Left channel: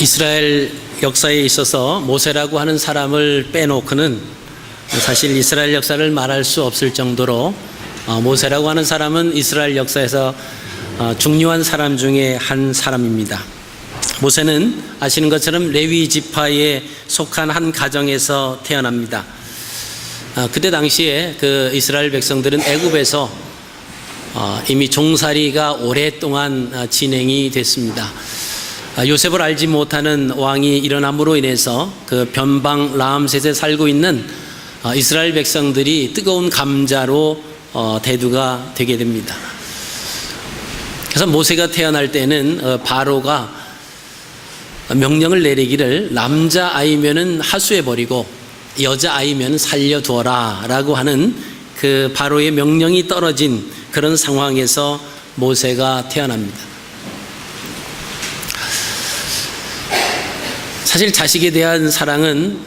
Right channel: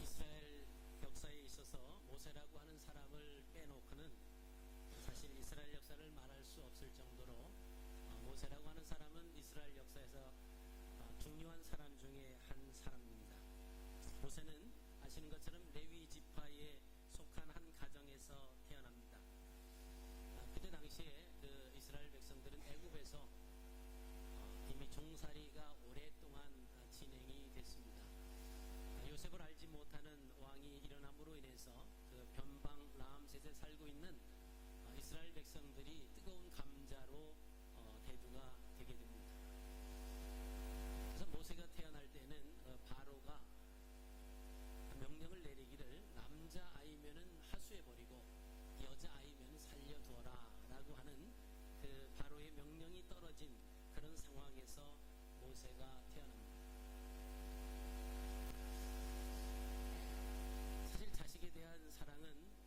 이스라엘 역사에 있어서 모세라고 하는 사람을 빼놓고는 사실 이스라엘 역사를 말할 수 없을 정도로 모세라고 하는 사람은 이스라엘 역사에서 중요한 사람 중에 한 사람입니다. 모세는 아시는 것처럼 레위 지파에 속한 한 가정에서 태어납니다. 그때 당시에 그 이스라엘 백성들은 애굽에서 이미 종살이가 오랫동안 진행이 됐습니다. 요셉을 알지 못하는 왕이 일어남으로 인해서 그 변방 라암셋에 살고 있는 이스라엘 백성들이 뜨거운 감자로 대두가 되게 됩니다. 그래서 모세가 태어날 때는 바로가 명령을 내리기를 남자아이면은 하수해버리고 여자아이면 살려두어라 라고 하는 그 바로의 명령이 떨어진 그런 상황에서 모세가 태어납니다. 사실 자식에 대한 사랑은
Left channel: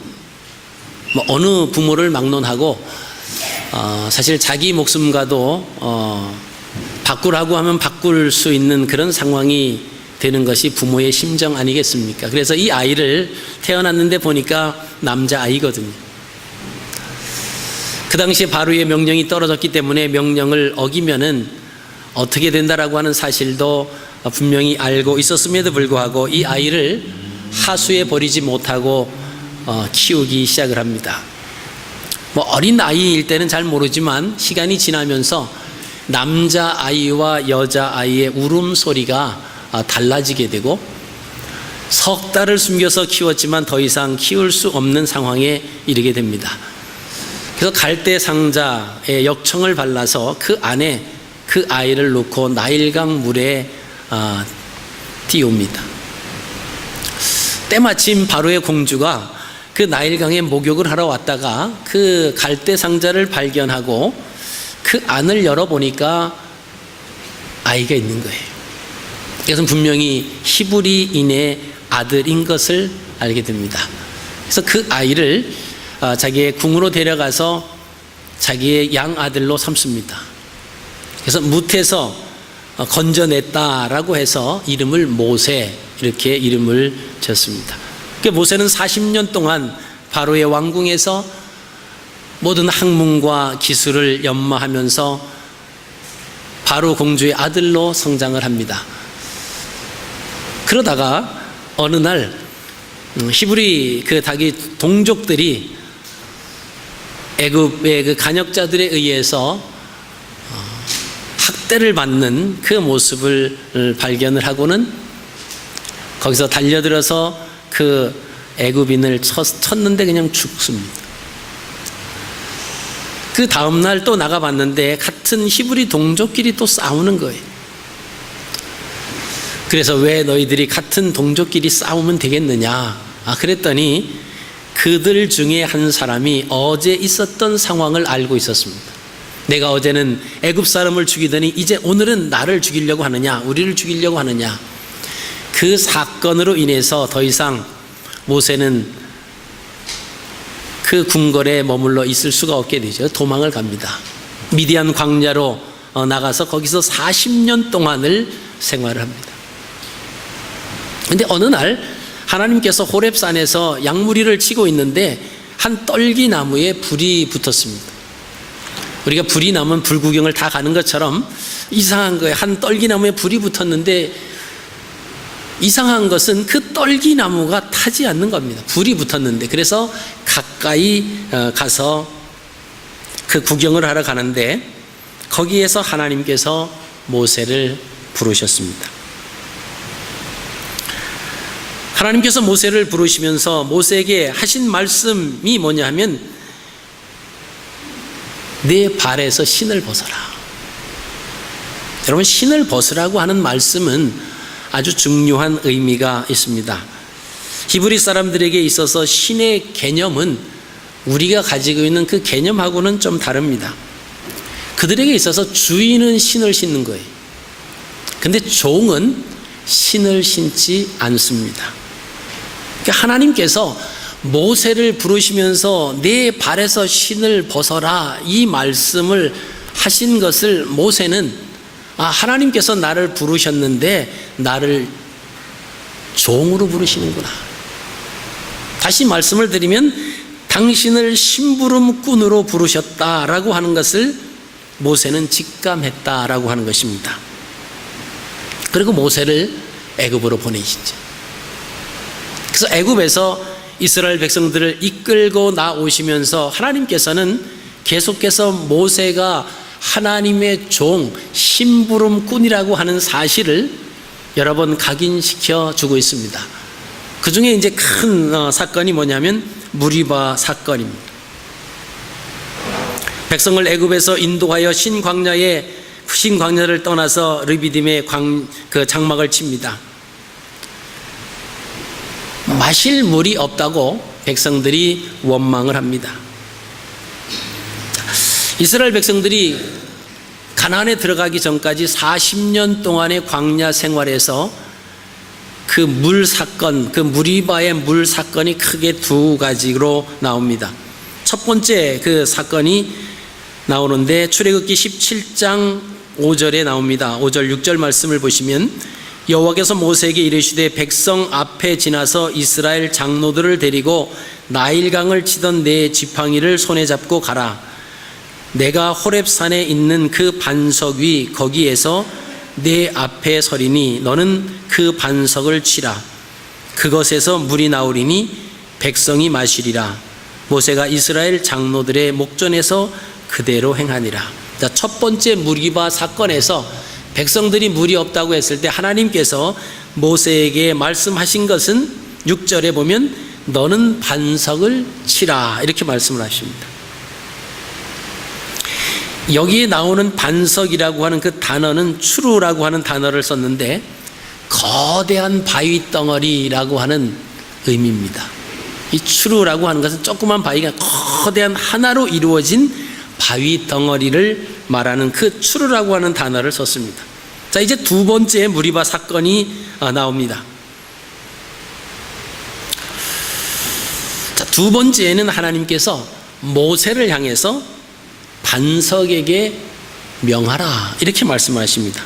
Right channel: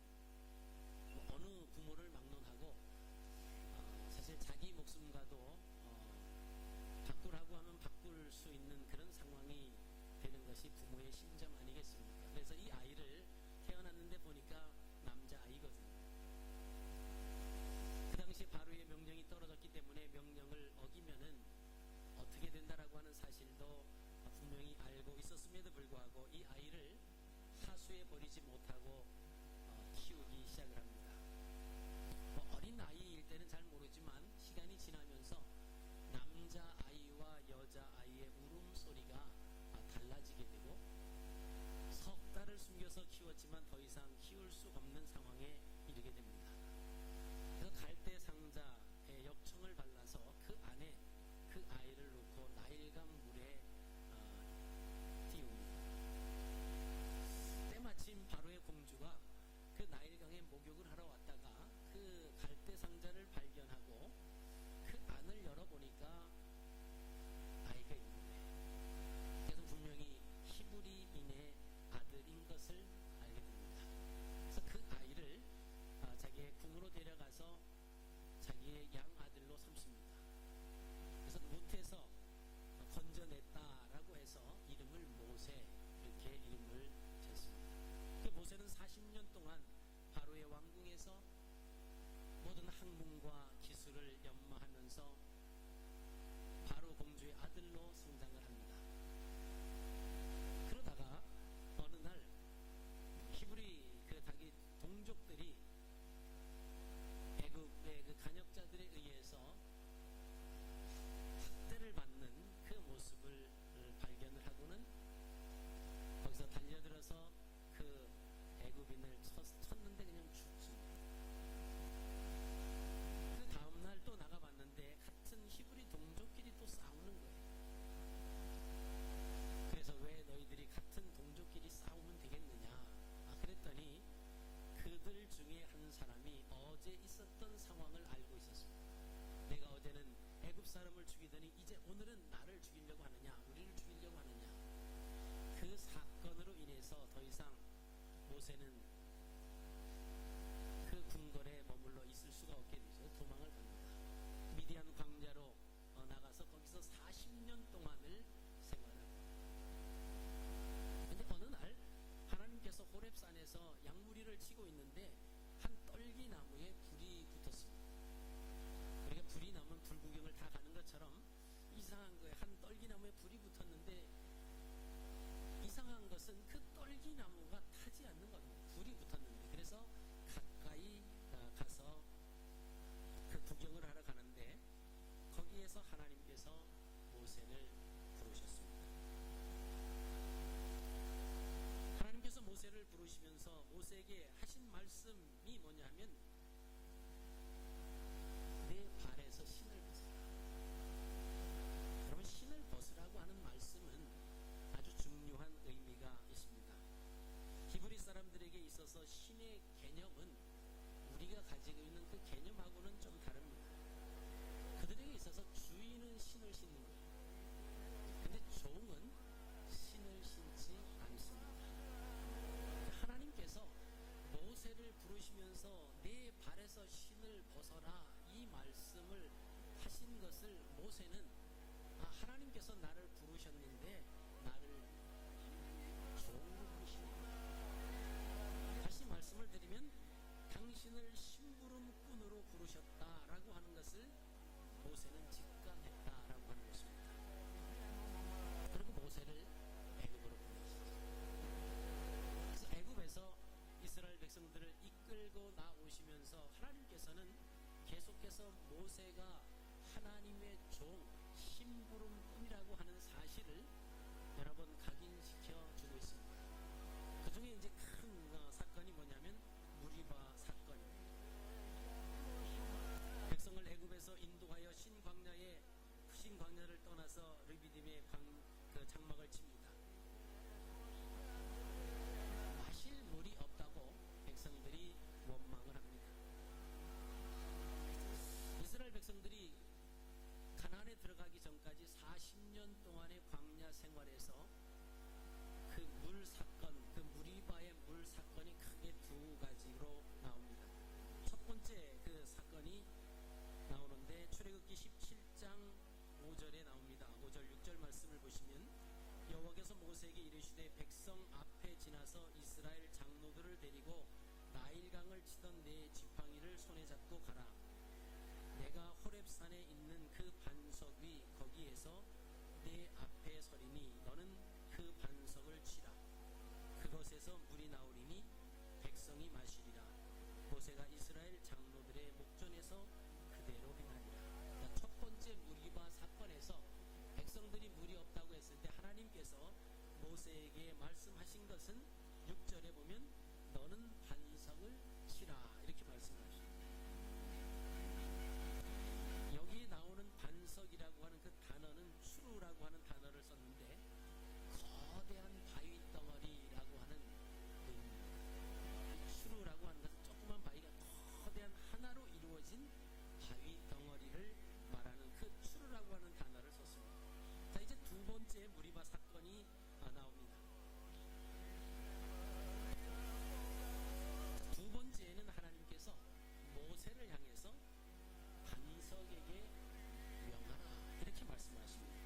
어느 부모를 막론하고 사실 자기 목숨과도 바꾸라고 하면 바꿀 수 있는 그런 상황이 되는 것이 부모의 심정 아니겠습니까? 그래서 이 아이를 태어났는데 보니까 남자아이거든요. 그 당시에 바로의 명령이 떨어졌기 때문에 명령을 어기면은 어떻게 된다라고 하는 사실도 분명히 알고 있었음에도 불구하고 이 아이를 하수에 버리지 못하고 키우기 시작을 합니다. 어린 아이일 때는 잘 모르지만 시간이 지나면서 남자아이와 여자아이의 울음소리가 달라지게 되고 석 달을 숨겨서 키웠지만 더 이상 키울 수 없는 상황에 이르게 됩니다. 그래서 갈대 상자에 역청을 발라서 그 안에 그 아이를 놓고 나일강 물에 띄웁니다. 때마침 바로의 공주가 그 나일강에 목욕을 하러 왔다가 그 갈대 상자를 발견하고 그 안을 열어보니까 아이가 있는 거예요. 그래서 분명히 히브리인의 아들인 것을 알게 됩니다. 그래서 그 아이를 자기의 궁으로 데려가서 자기의 양아들로 삼습니다. 그래서 뭇에서 건져냈다라고 해서 이름을 모세 이렇게 이름을 지었습니다. 모세는 40년 동안 바로의 왕궁에서 모든 학문과 기술을 연마하면서 바로 공주의 아들로 성장을 합니다. 그러다가 어느 날 히브리 그 자기 동족들이 애굽의 그 간역자들에 의해서 학대를 받는 그 모습을 발견을 하고는 거기서 달려들어서 그 애굽인을 쳤는데 그냥 죽습니다. 그 다음날 또 나가봤는데 같은 히브리 동족끼리 또 싸우는 거예요. 그래서 왜 너희들이 같은 동족끼리 싸우면 되겠느냐? 그랬더니 그들 중에 한 사람이 어제 있었던 상황을 알고 있었습니다. 내가 어제는 애굽 사람을 죽이더니 이제 오늘은 나를 죽이려고 하느냐? 우리를 죽이려고 하느냐? 그 사건으로 인해서 더 이상 모세는 그 궁궐에 머물러 있을 수가 없게 되죠. 도망을 갑니다. 미디안 광야로 나가서 거기서 40년 동안을 생활을 합니다. 그런데 어느 날 하나님께서 호렙산에서 양무리를 치고 있는데 한 떨기나무에 불이 붙었습니다. 우리가 불이 나면 불구경을 다 가는 것처럼 이상한 거예요. 한 떨기나무에 불이 붙었는데 이상한 것은 그 떨기나무가 타지 않는 겁니다. 불이 붙었는데. 그래서 가까이 가서 그 구경을 하러 가는데 거기에서 하나님께서 모세를 부르셨습니다. 하나님께서 모세를 부르시면서 모세에게 하신 말씀이 뭐냐 하면 내 발에서 신을 벗어라. 여러분, 신을 벗으라고 하는 말씀은 아주 중요한 의미가 있습니다. 히브리 사람들에게 있어서 신의 개념은 우리가 가지고 있는 그 개념하고는 좀 다릅니다. 그들에게 있어서 주인은 신을 신는 거예요. 근데 종은 신을 신지 않습니다. 그러니까 하나님께서 모세를 부르시면서 내 발에서 신을 벗어라 이 말씀을 하신 것을 모세는 하나님께서 나를 부르셨는데 나를 종으로 부르시는구나. 다시 말씀을 드리면 당신을 심부름꾼으로 부르셨다라고 하는 것을 모세는 직감했다라고 하는 것입니다. 그리고 모세를 애굽으로 보내시죠. 그래서 애굽에서 이스라엘 백성들을 이끌고 나오시면서 하나님께서는 계속해서 모세가 하나님의 종, 심부름꾼이라고 하는 사실을 여러 번 각인시켜 주고 있습니다. 그 중에 이제 큰 사건이 뭐냐면 무리바 사건입니다. 백성을 애굽에서 인도하여 신광야를 떠나서 르비딤의 장막을 칩니다. 마실 물이 없다고 백성들이 원망을 합니다. 이스라엘 백성들이 가나안에 들어가기 전까지 40년 동안의 광야 생활에서 그 물 사건, 그 무리바의 물 사건이 크게 두 가지로 나옵니다. 첫 번째 그 사건이 나오는데 출애굽기 17장 5절에 나옵니다. 5절 6절 말씀을 보시면 여호와께서 모세에게 이르시되 백성 앞에 지나서 이스라엘 장로들을 데리고 나일강을 치던 내 지팡이를 손에 잡고 가라. 내가 호렙산에 있는 그 반석 위 거기에서 내 앞에 서리니 너는 그 반석을 치라. 그것에서 물이 나오리니 백성이 마시리라. 모세가 이스라엘 장로들의 목전에서 그대로 행하니라. 자, 첫 번째 무리바 사건에서 백성들이 물이 없다고 했을 때 하나님께서 모세에게 말씀하신 것은 6절에 보면 너는 반석을 치라 이렇게 말씀을 하십니다. 여기에 나오는 반석이라고 하는 그 단어는 추루라고 하는 단어를 썼는데 거대한 바위 덩어리라고 하는 의미입니다. 이 추루라고 하는 것은 조그만 바위가 거대한 하나로 이루어진 바위 덩어리를 말하는 그 추루라고 하는 단어를 썼습니다. 자, 이제 두 번째 무리바 사건이 나옵니다. 자, 두 번째는 하나님께서 모세를 향해서 반석에게 명하라 이렇게 말씀하십니다.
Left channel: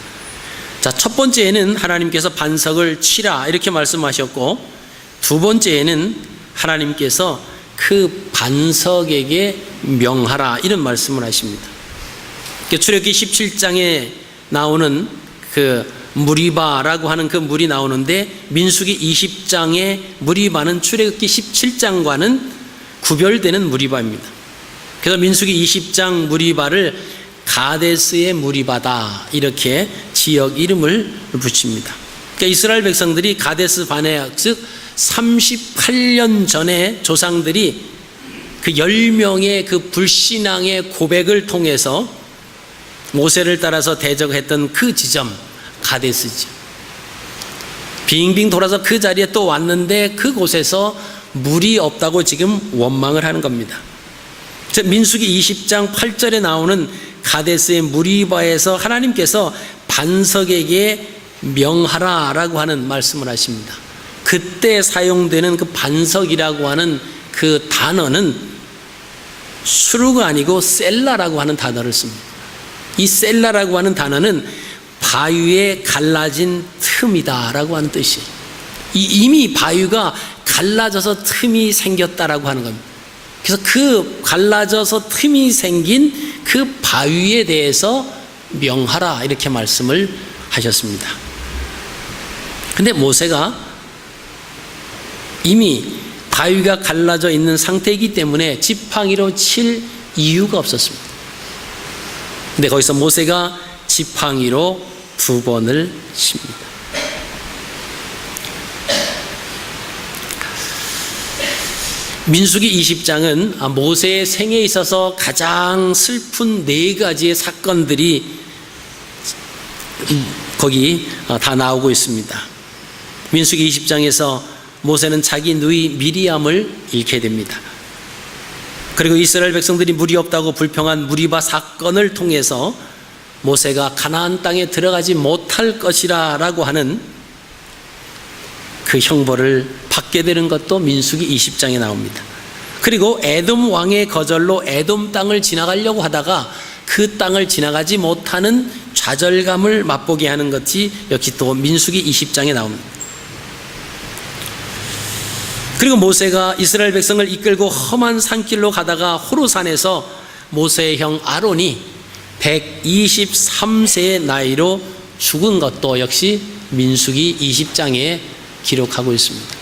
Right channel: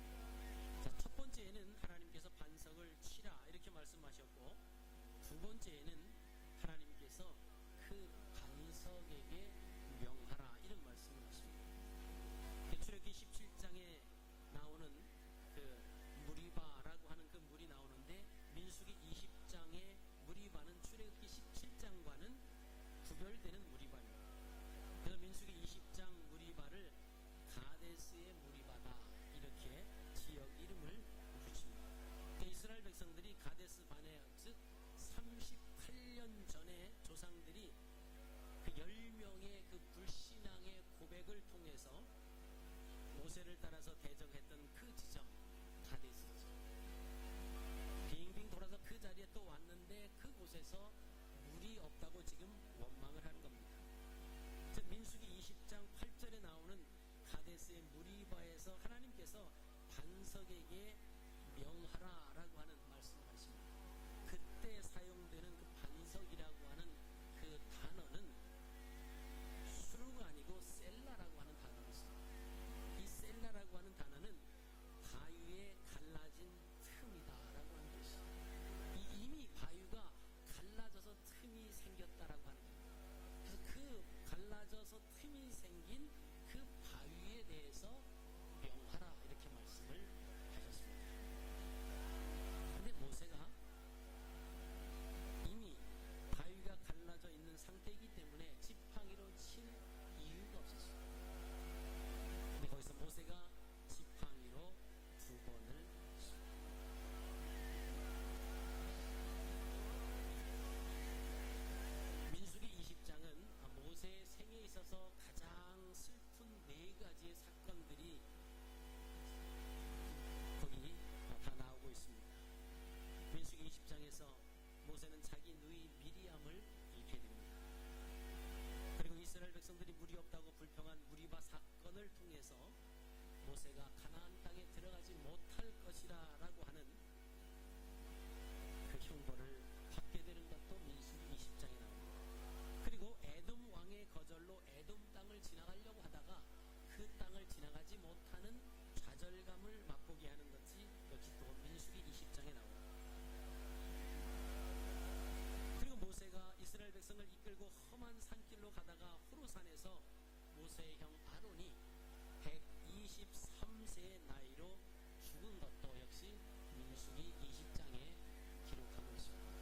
자, 첫 번째에는 하나님께서 반석을 치라 이렇게 말씀하셨고, 두 번째에는 하나님께서 그 반석에게 명하라 이런 말씀을 하십니다. 출애굽기 17장에 나오는 그 무리바라고 하는 그 물이 나오는데 민수기 20장의 무리바는 출애굽기 17장과는 구별되는 무리바입니다. 그래서 민수기 20장 무리바를 가데스의 무리바다 이렇게 지역 이름을 붙입니다. 그러니까 이스라엘 백성들이 가데스 바네아 즉 38년 전에 조상들이 그 10명의 그 불신앙의 고백을 통해서 모세를 따라서 대적했던 그 지점 가데스죠. 빙빙 돌아서 그 자리에 또 왔는데 그곳에서 물이 없다고 지금 원망을 하는 겁니다. 민수기 20장 8절에 나오는 가데스의 무리바에서 하나님께서 반석에게 명하라라고 하는 말씀을 하십니다. 그때 사용되는 그 반석이라고 하는 그 단어는 수루가 아니고 셀라라고 하는 단어를 씁니다. 이 셀라라고 하는 단어는 바위에 갈라진 틈이다라고 하는 뜻이에요. 이미 바위가 갈라져서 틈이 생겼다라고 하는 겁니다. 그래서 그 갈라져서 틈이 생긴 그 바위에 대해서 명하라 이렇게 말씀을 하셨습니다. 근데 모세가 이미 바위가 갈라져 있는 상태이기 때문에 지팡이로 칠 이유가 없었습니다. 근데 거기서 모세가 지팡이로 2번을 칩니다. 민수기 20장은 모세의 생에 있어서 가장 슬픈 4가지의 사건들이 거기 다 나오고 있습니다. 민수기 20장에서 모세는 자기 누이 미리암을 잃게 됩니다. 그리고 이스라엘 백성들이 물이 없다고 불평한 무리바 사건을 통해서 모세가 가나안 땅에 들어가지 못할 것이라 라고 하는 그 형벌을 받게 되는 것도 민수기 20장에 나옵니다. 그리고 에돔 왕의 거절로 에돔 땅을 지나가려고 하다가 그 땅을 지나가지 못하는 좌절감을 맛보게 하는 것이 여기 또 민수기 20장에 나옵니다. 그리고 모세가 이스라엘 백성을 이끌고 험한 산길로 가다가 호르산에서 모세의 형 아론이 123세의 나이로 죽은 것도 역시 민수기 20장에 기록하고 있습니다.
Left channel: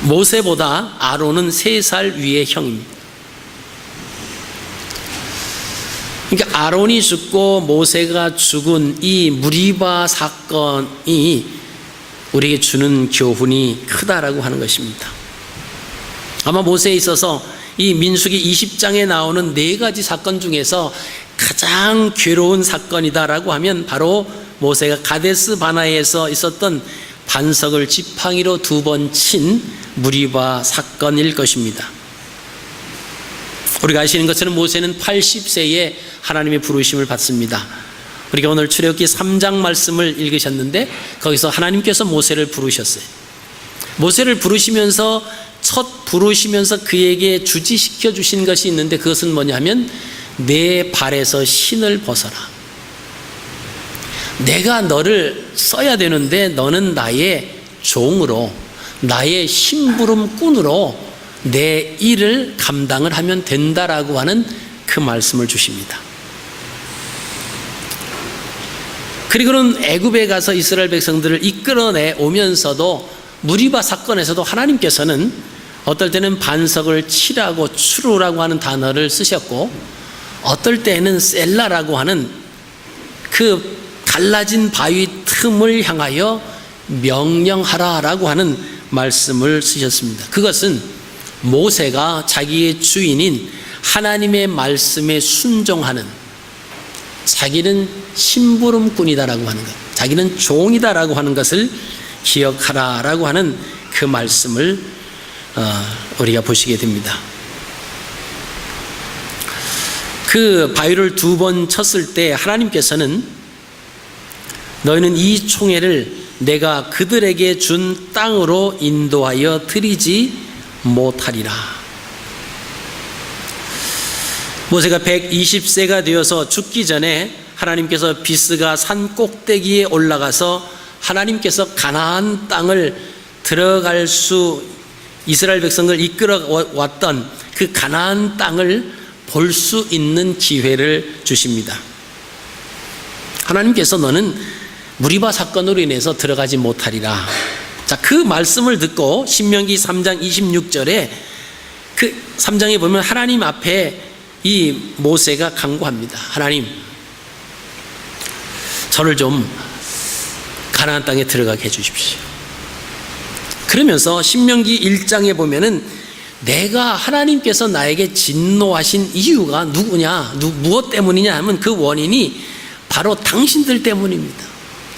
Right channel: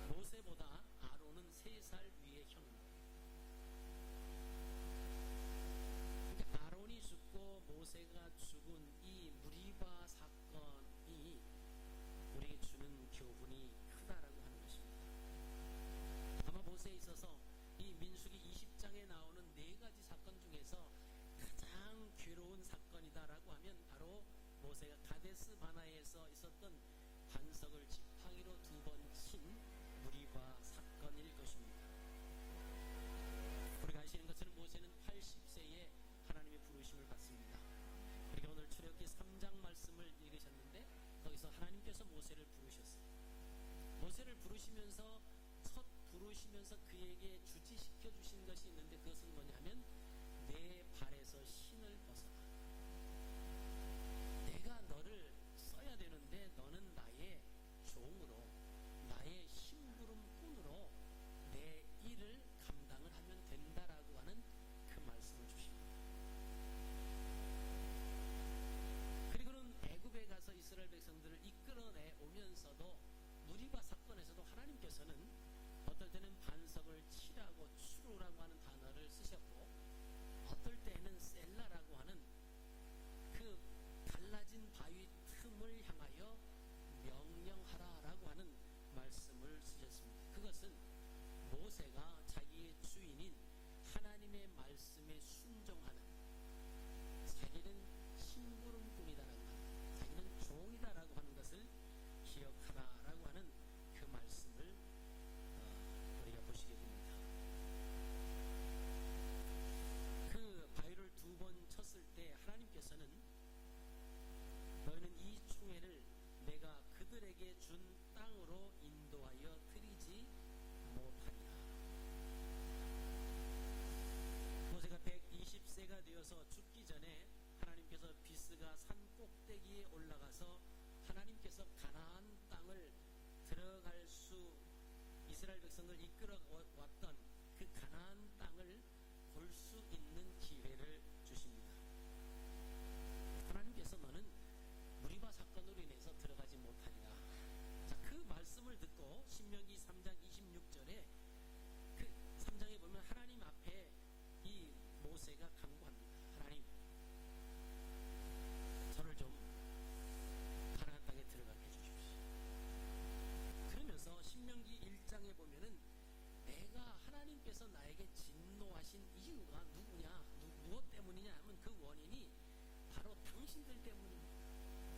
모세보다 아론은 3살 위의 형입니다. 그러니까 아론이 죽고 모세가 죽은 이 무리바 사건이 우리에게 주는 교훈이 크다라고 하는 것입니다. 아마 모세에 있어서 이 민수기 20장에 나오는 4가지 사건 중에서 가장 괴로운 사건이다라고 하면 바로 모세가 가데스 바나에서 있었던 반석을 지팡이로 2번 친 무리바 사건일 것입니다. 우리가 아시는 것처럼 모세는 80세에 하나님의 부르심을 받습니다. 우리가 오늘 출애굽기 3장 말씀을 읽으셨는데 거기서 하나님께서 모세를 부르셨어요. 모세를 부르시면서 그에게 주지시켜 주신 것이 있는데 그것은 뭐냐면 내 발에서 신을 벗어라. 내가 너를 써야 되는데 너는 나의 종으로, 나의 심부름꾼으로 내 일을 감당을 하면 된다라고 하는 그 말씀을 주십니다. 그리고는 애굽에 가서 이스라엘 백성들을 이끌어내 오면서도 무리바 사건에서도 하나님께서는 어떨 때는 반석을 치라고 추루라고 하는 단어를 쓰셨고 어떨 때는 셀라라고 하는 그 갈라진 바위 틈을 향하여 명령하라라고 하는 말씀을 쓰셨습니다. 그것은 모세가 자기의 주인인 하나님의 말씀에 순종하는, 자기는 심부름꾼이다라고 하는 것, 자기는 종이다라고 하는 것을 기억하라라고 하는 그 말씀을 우리가 보시게 됩니다. 그 바위를 2번 쳤을 때 하나님께서는 너희는 이 총애를 내가 그들에게 준 땅으로 인도하여 드리지 못하리라. 모세가 120세가 되어서 죽기 전에 하나님께서 비스가 산 꼭대기에 올라가서 하나님께서 가나안 땅을 들어갈 수, 이스라엘 백성을 이끌어 왔던 그 가나안 땅을 볼 수 있는 기회를 주십니다. 하나님께서 너는 무리바 사건으로 인해서 들어가지 못하리라. 자, 그 말씀을 듣고 신명기 3장 26절에 그 3장에 보면 하나님 앞에 이 모세가 간구합니다. 하나님, 저를 좀 가나안 땅에 들어가게 해주십시오. 그러면서 신명기 1장에 보면은 내가 하나님께서 나에게 진노하신 이유가 누구냐, 무엇 때문이냐 하면 그 원인이 바로 당신들 때문입니다.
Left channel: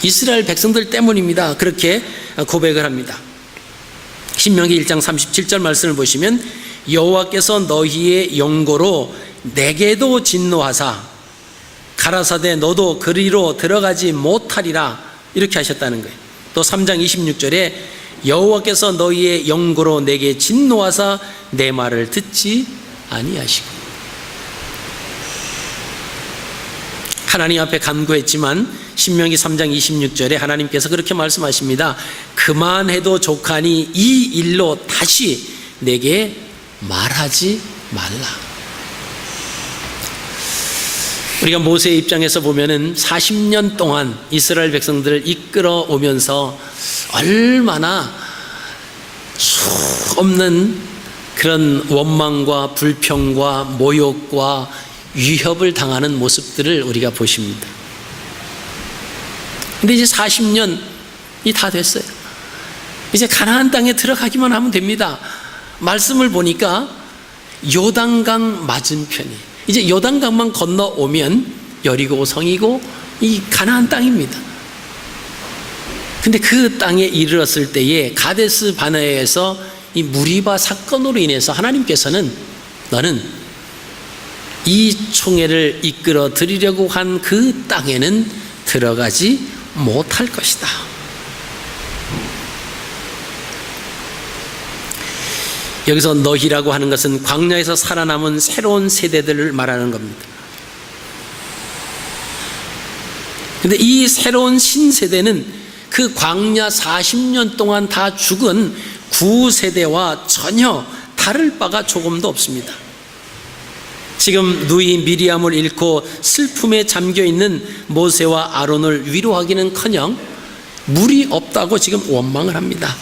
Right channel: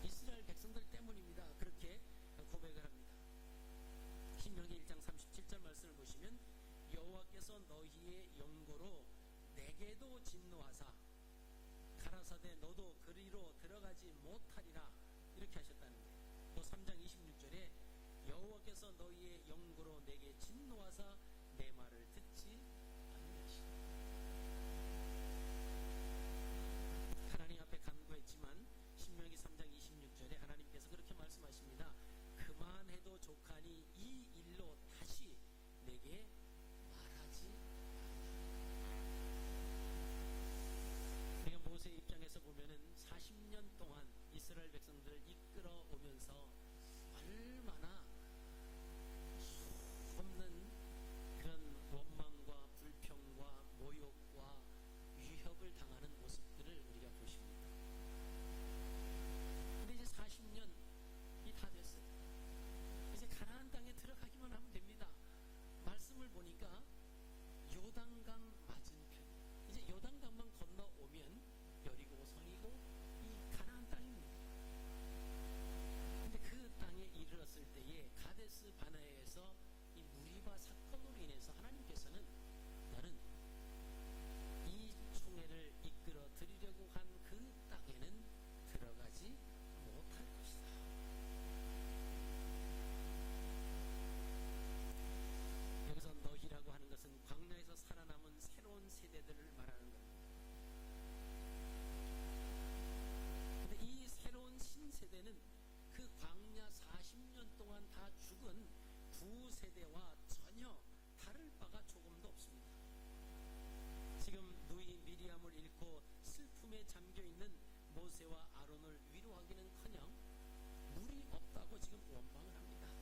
이스라엘 백성들 때문입니다. 그렇게 고백을 합니다. 신명기 1장 37절 말씀을 보시면 여호와께서 너희의 영고로 내게도 진노하사 가라사대 너도 그리로 들어가지 못하리라 이렇게 하셨다는 거예요. 또 3장 26절에 여호와께서 너희의 영고로 내게 진노하사 내 말을 듣지 아니하시고, 하나님 앞에 간구했지만 신명기 3장 26절에 하나님께서 그렇게 말씀하십니다. 그만해도 족하니 이 일로 다시 내게 말하지 말라. 우리가 모세의 입장에서 보면은 40년 동안 이스라엘 백성들을 이끌어 오면서 얼마나 수없는 그런 원망과 불평과 모욕과 위협을 당하는 모습들을 우리가 보십니다. 근데 이제 40년이 다 됐어요. 이제 가나안 땅에 들어가기만 하면 됩니다. 말씀을 보니까 요단강 맞은편이, 이제 요단강만 건너오면 여리고 성이고 이 가나안 땅입니다. 근데 그 땅에 이르렀을 때에 가데스 바네아에서 이 무리바 사건으로 인해서 하나님께서는 너는 이 총회를 이끌어 드리려고 한 그 땅에는 들어가지 못할 것이다. 여기서 너희라고 하는 것은 광야에서 살아남은 새로운 세대들을 말하는 겁니다. 근데 이 새로운 신세대는 그 광야 40년 동안 다 죽은 구세대와 전혀 다를 바가 조금도 없습니다. 지금 누이 미리암을 잃고 슬픔에 잠겨있는 모세와 아론을 위로하기는커녕 물이 없다고 지금 원망을 합니다.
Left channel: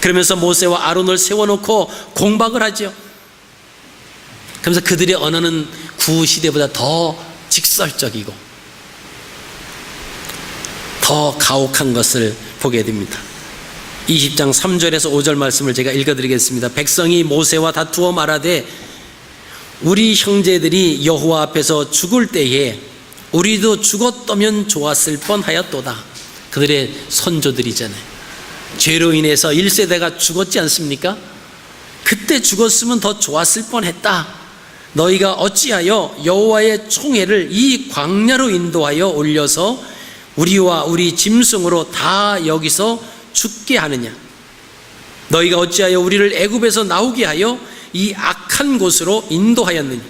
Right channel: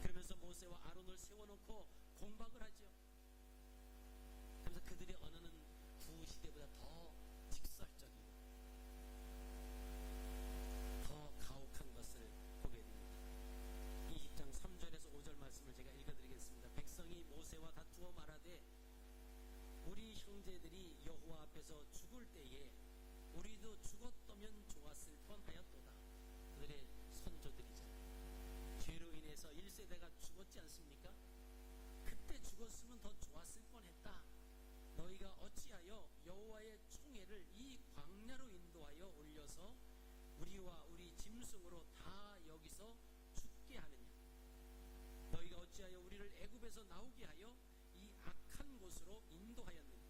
그러면서 모세와 아론을 세워놓고 공박을 하죠. 그러면서 그들의 언어는 구시대보다 더 직설적이고 더 가혹한 것을 보게 됩니다. 20장 3절에서 5절 말씀을 제가 읽어드리겠습니다. 백성이 모세와 다투어 말하되 우리 형제들이 여호와 앞에서 죽을 때에 우리도 죽었다면 좋았을 뻔하였도다. 그들의 선조들이잖아요. 죄로 인해서 1세대가 죽었지 않습니까? 그때 죽었으면 더 좋았을 뻔했다. 너희가 어찌하여 여호와의 총회를 이 광야로 인도하여 올려서 우리와 우리 짐승으로 다 여기서 죽게 하느냐? 너희가 어찌하여 우리를 애굽에서 나오게 하여 이 악한 곳으로 인도하였느냐?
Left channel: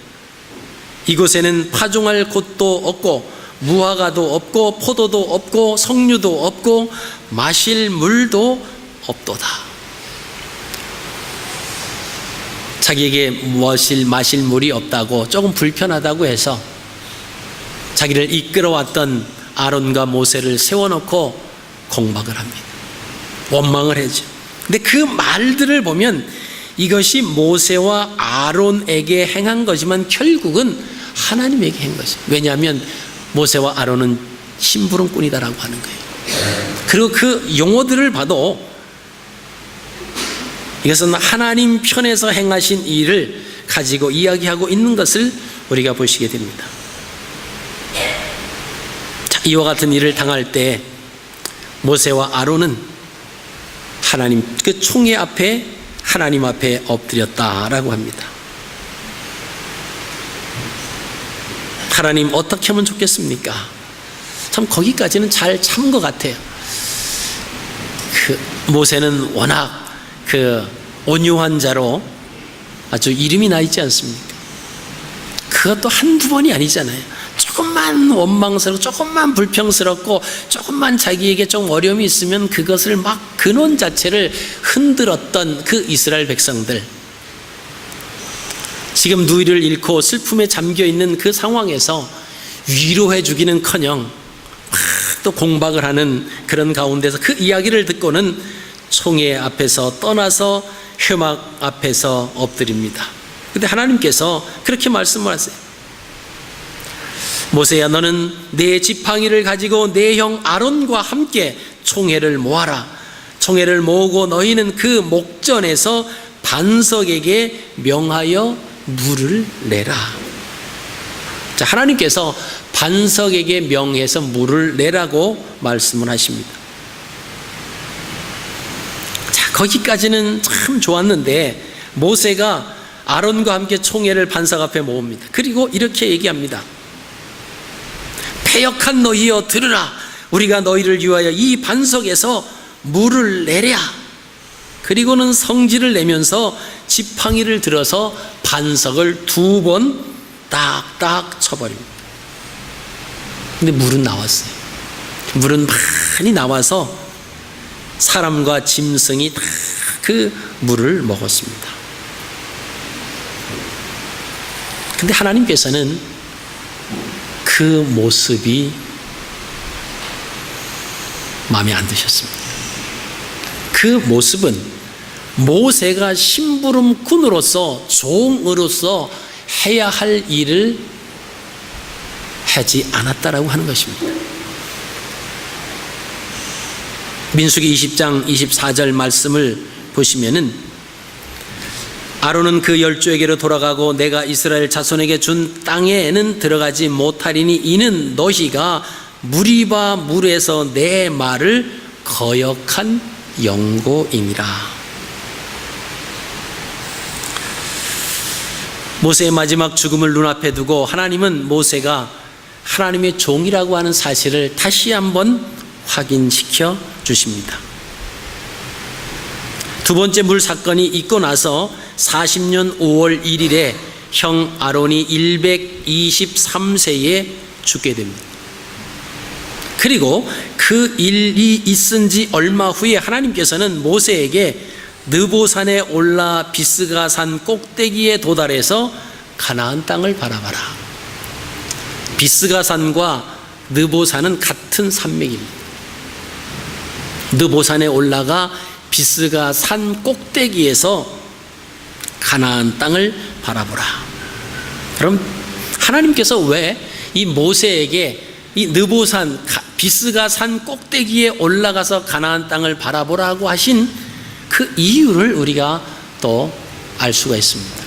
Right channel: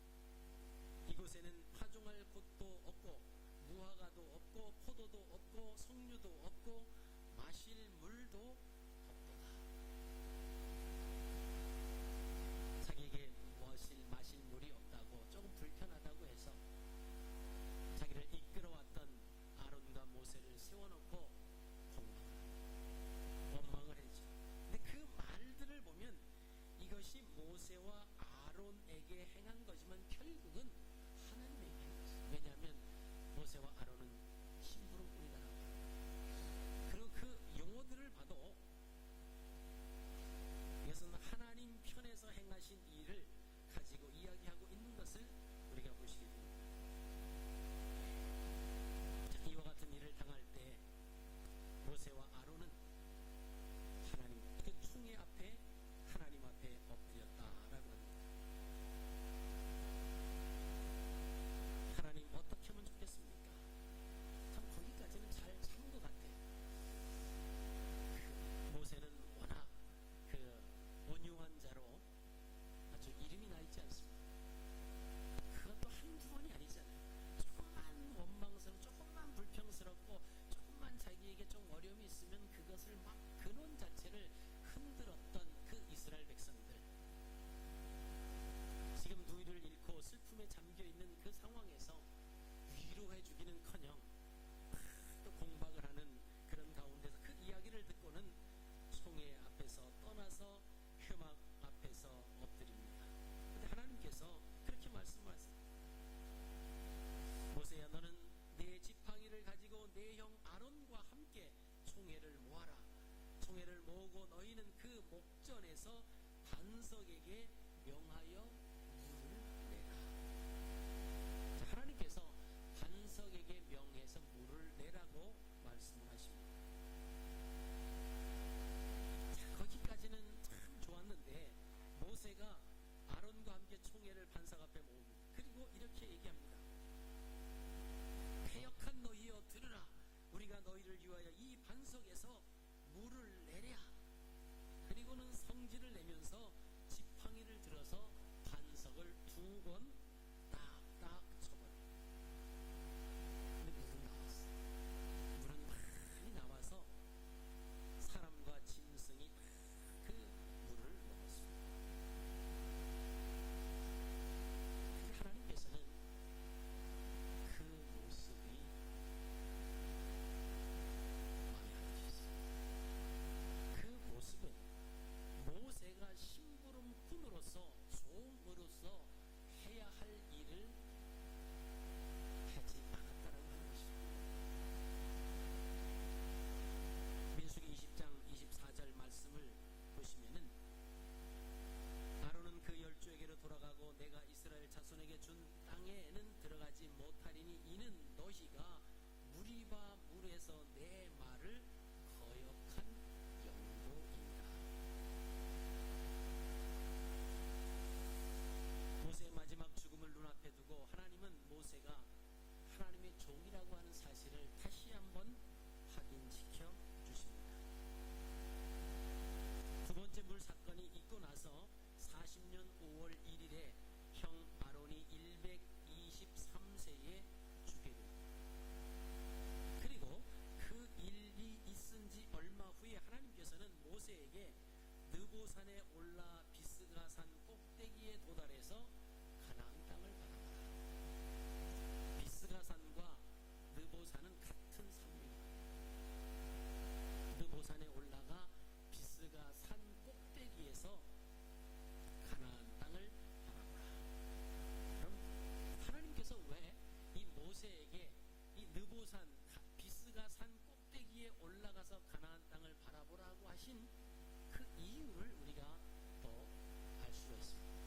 이곳에는 파종할 곳도 없고 무화과도 없고 포도도 없고 석류도 없고 마실 물도 없도다. 자기에게 마실 물이 없다고 조금 불편하다고 해서 자기를 이끌어왔던 아론과 모세를 세워놓고 공박을 합니다. 원망을 하죠. 근데 그 말들을 보면 이것이 모세와 아론에게 행한 거지만 결국은 하나님에게 한 거죠. 왜냐하면 모세와 아론은 심부름꾼이다라고 하는 거예요. 그리고 그 용어들을 봐도 이것은 하나님 편에서 행하신 일을 가지고 이야기하고 있는 것을 우리가 보시게 됩니다. 자, 이와 같은 일을 당할 때 모세와 아론은 하나님 그 총회 앞에 하나님 앞에 엎드렸다라고 합니다. 하나님 어떻게 하면 좋겠습니까? 참 거기까지는 잘 참 것 같아요. 그 모세는 워낙 그 온유한 자로 아주 이름이 나 있지 않습니까? 그것도 한두 번이 아니잖아요. 조금만 원망스럽고 조금만 불평스럽고 조금만 자기에게 좀 어려움이 있으면 그것을 막 근원 자체를 흔들었던 그 이스라엘 백성들, 지금 누이를 잃고 슬픔에 잠겨있는 그 상황에서 위로해 주기는커녕 막 또 공박을 하는 그런 가운데서 그 이야기를 듣고는 총회 앞에서 떠나서 회막 앞에서 엎드립니다. 그런데 하나님께서 그렇게 말씀을 하세요. 모세야, 너는 내 지팡이를 가지고 내 형 아론과 함께 총회를 모아라. 총회를 모으고 너희는 그 목전에서 반석에게 명하여 물을 내라. 자, 하나님께서 반석에게 명해서 물을 내라고 말씀을 하십니다. 자, 거기까지는 참 좋았는데 모세가 아론과 함께 총회를 반석 앞에 모읍니다. 그리고 이렇게 얘기합니다. 패역한 너희여 들으라. 우리가 너희를 위하여 이 반석에서 물을 내랴. 그리고는 성질을 내면서 지팡이를 들어서 반석을 2번 딱딱 쳐버립니다. 근데 물은 나왔어요. 물은 많이 나와서 사람과 짐승이 다 그 물을 먹었습니다. 근데 하나님께서는 그 모습이 마음에 안 드셨습니다. 그 모습은 모세가 심부름꾼으로서 종으로서 해야 할 일을 하지 않았다라고 하는 것입니다. 민수기 20장 24절 말씀을 보시면은 아론은 그 열조에게로 돌아가고 내가 이스라엘 자손에게 준 땅에는 들어가지 못하리니 이는 너희가 무리바 물에서 내 말을 거역한 영고이니라. 모세의 마지막 죽음을 눈앞에 두고 하나님은 모세가 하나님의 종이라고 하는 사실을 다시 한번 확인시켜 주십니다. 두 번째 물 사건이 있고 나서 40년 5월 1일에 형 아론이 123세에 죽게 됩니다. 그리고 그 일이 있은 지 얼마 후에 하나님께서는 모세에게 느보산에 올라 비스가 산 꼭대기에 도달해서 가나안 땅을 바라봐라. 비스가 산과 느보산은 같은 산맥입니다. 느보산에 올라가 비스가 산 꼭대기에서 가나안 땅을 바라보라. 그럼 하나님께서 왜 이 모세에게 이 느보산 비스가 산 꼭대기에 올라가서 가나안 땅을 바라보라고 하신 그 이유를 우리가 또 알 수가 있습니다.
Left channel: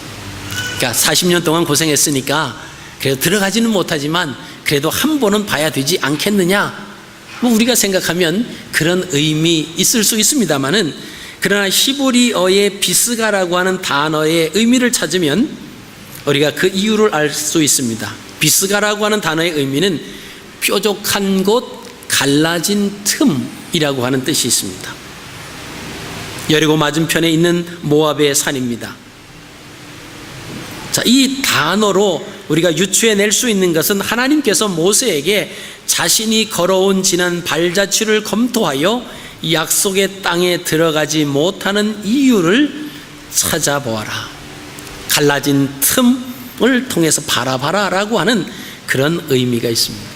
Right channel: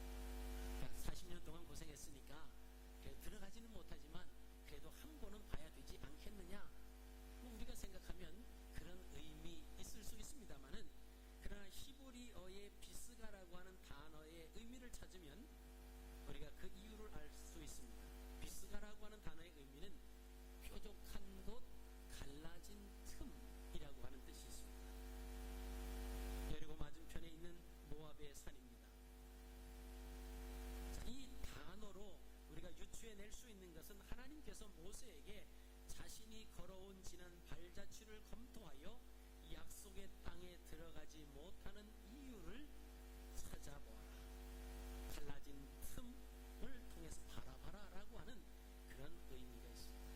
그러니까 40년 동안 고생했으니까 그래도 들어가지는 못하지만 그래도 한 번은 봐야 되지 않겠느냐, 뭐 우리가 생각하면 그런 의미 있을 수 있습니다만은, 그러나 히브리어의 비스가라고 하는 단어의 의미를 찾으면 우리가 그 이유를 알 수 있습니다. 비스가라고 하는 단어의 의미는 뾰족한 곳, 갈라진 틈이라고 하는 뜻이 있습니다. 여리고 맞은편에 있는 모압의 산입니다. 자, 이 단어로 우리가 유추해낼 수 있는 것은 하나님께서 모세에게 자신이 걸어온 지난 발자취를 검토하여 약속의 땅에 들어가지 못하는 이유를 찾아보아라, 갈라진 틈을 통해서 바라봐라 라고 하는 그런 의미가 있습니다.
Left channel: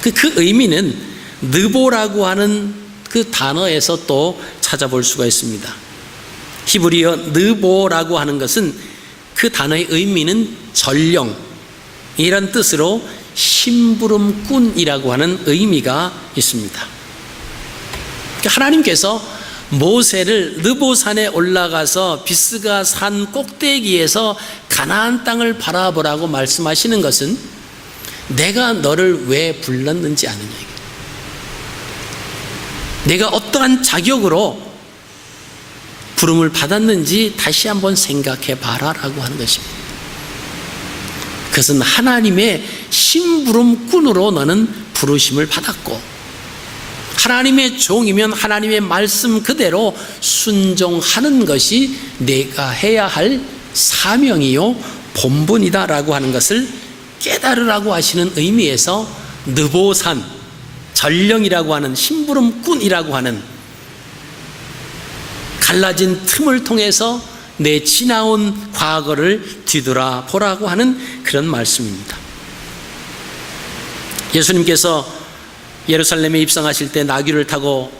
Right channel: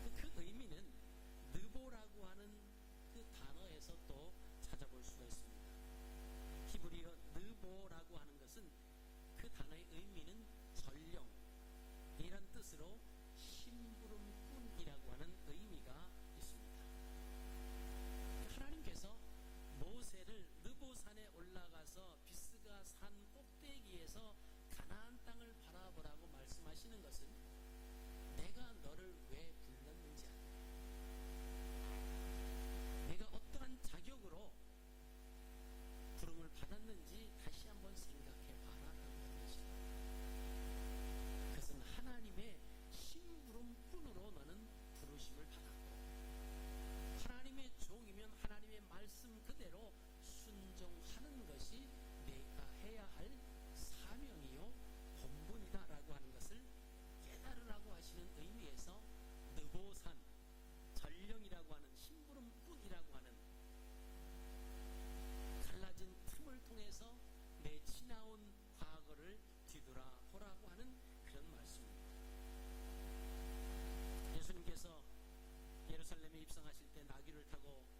그 의미는 느보라고 하는 그 단어에서 또 찾아볼 수가 있습니다. 히브리어 느보라고 하는 것은 그 단어의 의미는 전령, 이런 뜻으로 심부름꾼이라고 하는 의미가 있습니다. 하나님께서 모세를 느보산에 올라가서 비스가 산 꼭대기에서 가나안 땅을 바라보라고 말씀하시는 것은 내가 너를 왜 불렀는지 아느냐, 내가 어떠한 자격으로 부름을 받았는지 다시 한번 생각해 봐라 라고 하는 것입니다. 그것은 하나님의 심부름꾼으로 너는 부르심을 받았고, 하나님의 종이면 하나님의 말씀 그대로 순종하는 것이 내가 해야 할 사명이요 본분이다 라고 하는 것을 깨달으라고 하시는 의미에서 느보산, 전령이라고 하는 심부름꾼이라고 하는 갈라진 틈을 통해서 내 지나온 과거를 뒤돌아보라고 하는 그런 말씀입니다. 예수님께서 예루살렘에 입성하실 때 나귀를 타고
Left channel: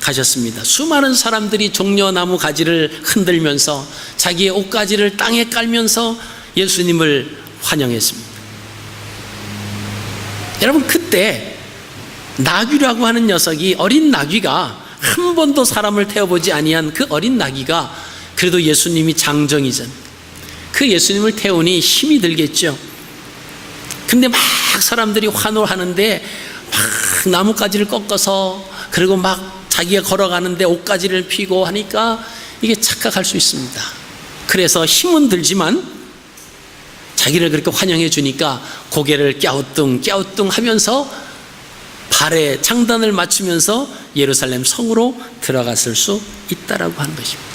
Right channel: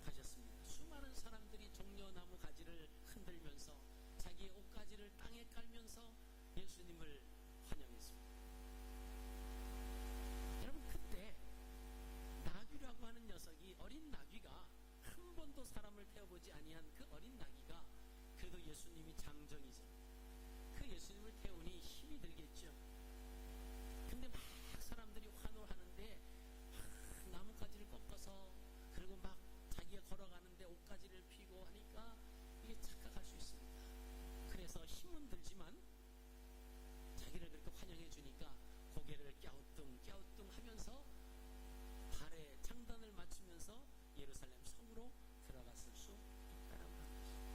가셨습니다. 수많은 사람들이 종려나무 가지를 흔들면서 자기의 옷가지를 땅에 깔면서 예수님을 환영했습니다. 여러분, 그때 나귀라고 하는 녀석이, 어린 나귀가, 한 번도 사람을 태워보지 아니한 그 어린 나귀가 그래도 예수님이 장정이전, 그 예수님을 태우니 힘이 들겠죠. 근데 막 사람들이 환호하는데 막 나뭇가지를 꺾어서, 그리고 막 자기가 걸어가는데 옷가지를 피고 하니까 이게 착각할 수 있습니다. 그래서 힘은 들지만 자기를 그렇게 환영해 주니까 고개를 갸우뚱 갸우뚱 하면서 발에 장단을 맞추면서 예루살렘 성으로 들어갔을 수 있다라고 하는 것입니다.